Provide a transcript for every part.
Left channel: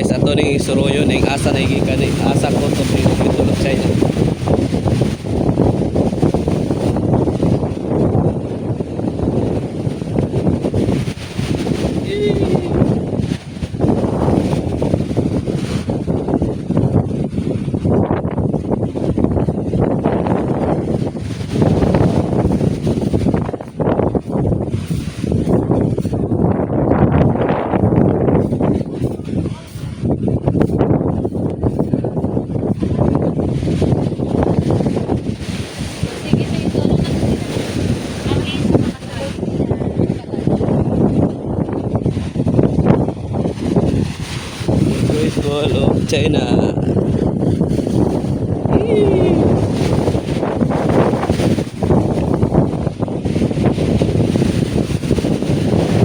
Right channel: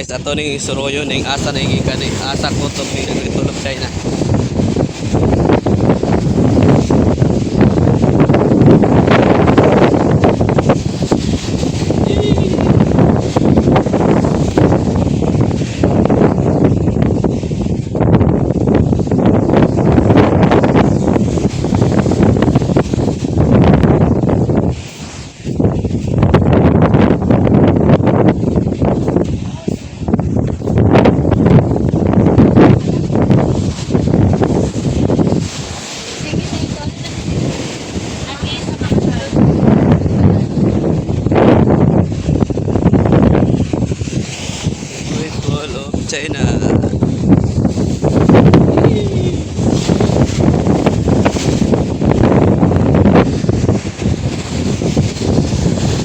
Guys, ato ning suroyo ning asa na gikan ni asa ko to ning tulog China. China.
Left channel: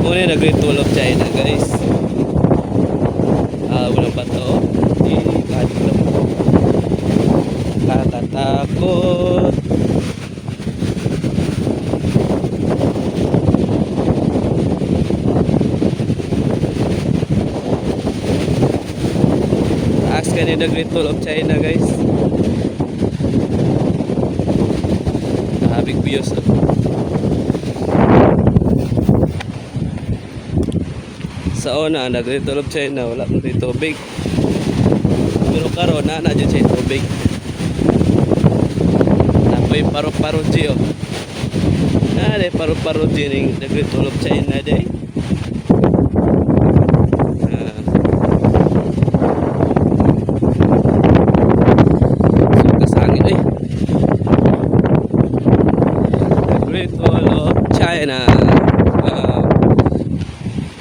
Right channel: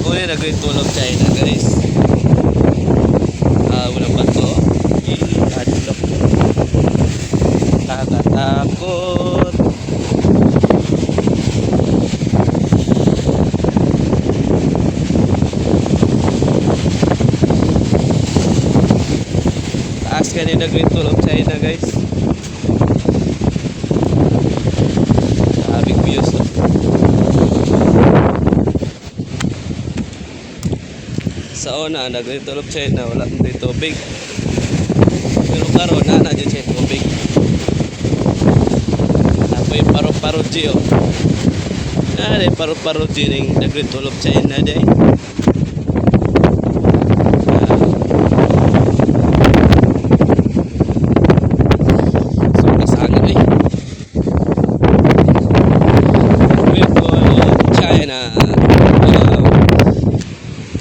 Muna na Great Wall of China, guys. Wala pa to. Nakatakot. Taas ka na Great Wall of China, guys. Big views, oh. Sa una, Great Wall of China, wala nang dito tubig. Pero karon na dyan siya tubig. Apoy paro-paro G, oh. Paro-paro G ning Great Wall of China dyan.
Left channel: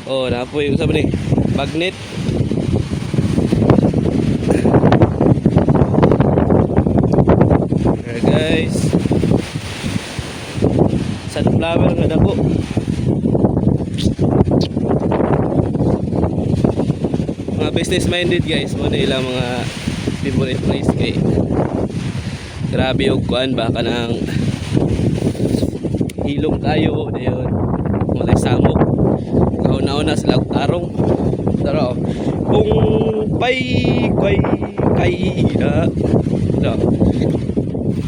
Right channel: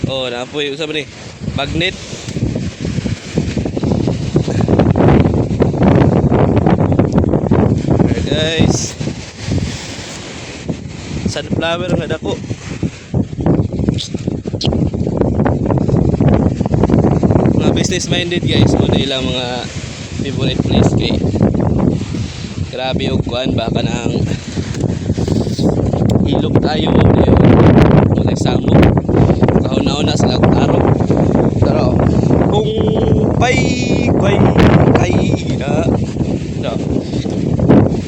Oh, napoy usab ni magnet. Okay, guys. Sunflower nga dako. Mga business minded guys, mo na ilang mga favorite place kay. Grabe og kuan ba kanang ilog tayo ngayon. Mga samok. Kauna-una sila tarong. Tara, kung pay na.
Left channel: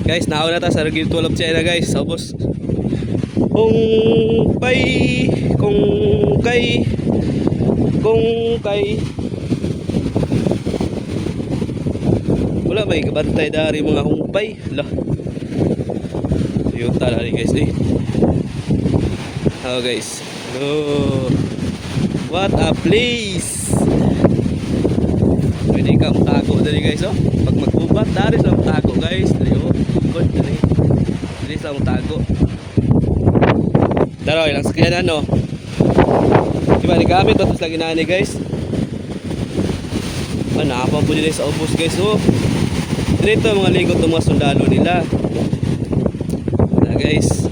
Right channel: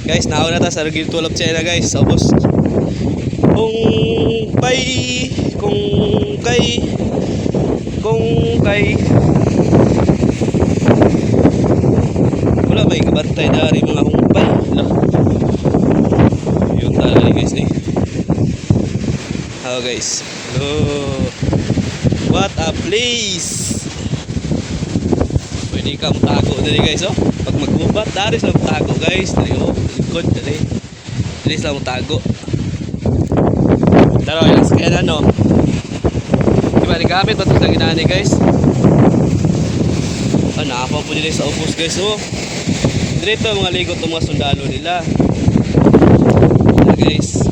Guys, nauna ta sa Great Wall of China, guys. Ubos. Kung kay wala may kabantay dari mga humpay. Yun talaga guys eh. Oh guys. Oh, what a place! Pwede ka matago dali guys, oh. Pag magbubat, dari sila matago guys. Dali, oh, ikot dali. Dali sila matago. Daro, ilang sakyan ano. Diba, nagamit ba ito sa ginani guys? Naapa po nila sa upos guys, oh. Ganito mga ligot ng mga sundalo nila. Guys.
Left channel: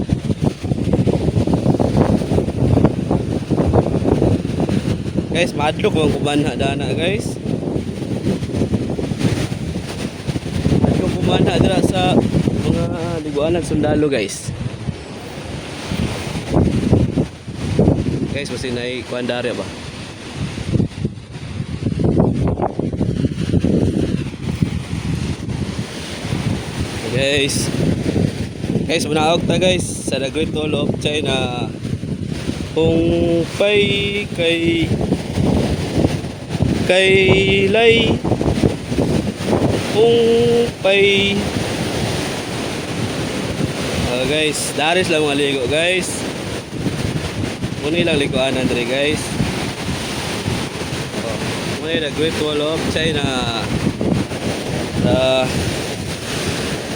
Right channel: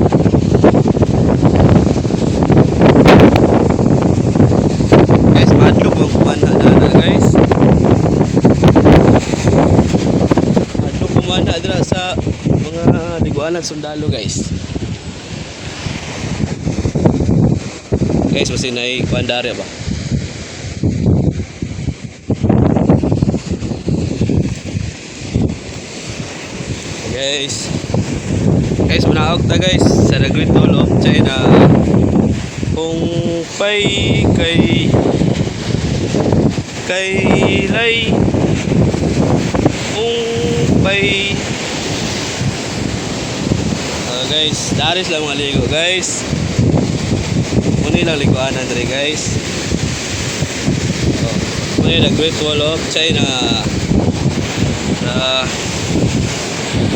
Guys, madlo po ang kumana na guys. Madlo kumana dira sa mga liguanan sundalo guys. Guys, masinay kuandare ba? Guys. Guys, manawag ta guys sa Great Wall of China. Kung pay kay lay pay guys, daris lang mga ligo guys. Muna lang liguan andre guys. Muna the Great Wall of China.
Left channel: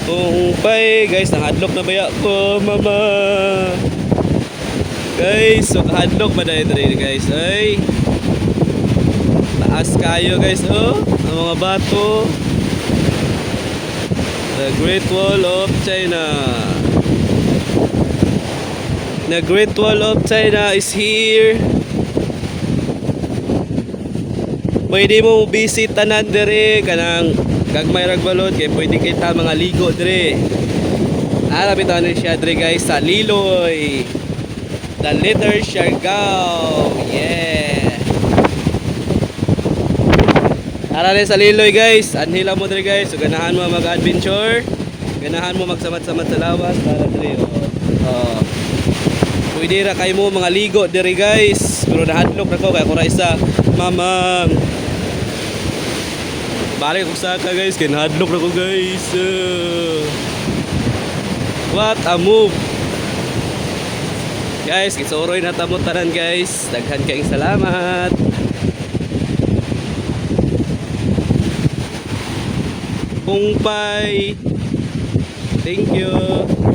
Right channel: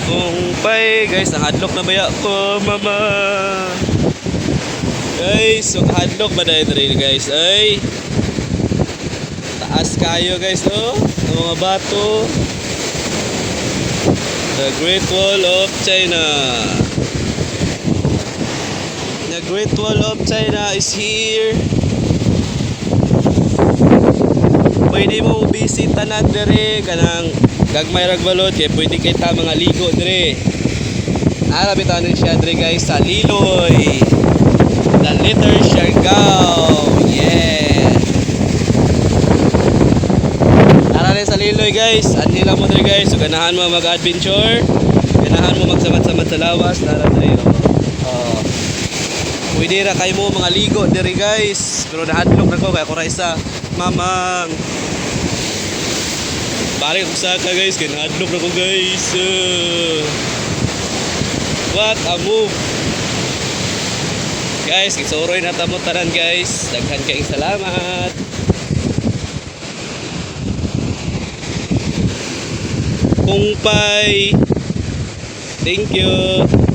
Kung pay guys, nakadlock na baya ko mama. Guys, so hadlock ba dahil rin guys? Ay, taas kayo guys, oh. Ang mga bato. The Great Wall of China. The Great Wall of China is here. Pwede mo bisita na dire kanang gagmay ragbalot kay pwede kita mga ligo dire. Alabitan ni siya dire guys sa Liloy. The letter shall go. Yeah. Tara rin sa Liloy guys. Anhila mo dre guys. So ganahan mo mag-adventure. Ganahan mo magsamat-samat sa lawas. Tara dre. Oh. Pwede ra kay mo mga ligo dre guys. Pero nahadlok na ko kaya ko ra isa. Mamang. Balik ko sa ka guys. Kaya nahadlok na ko guys. What a move. Guys, isoroy na tamo tanan guys. Daghan kayong salamat. Kungpay. Thank you.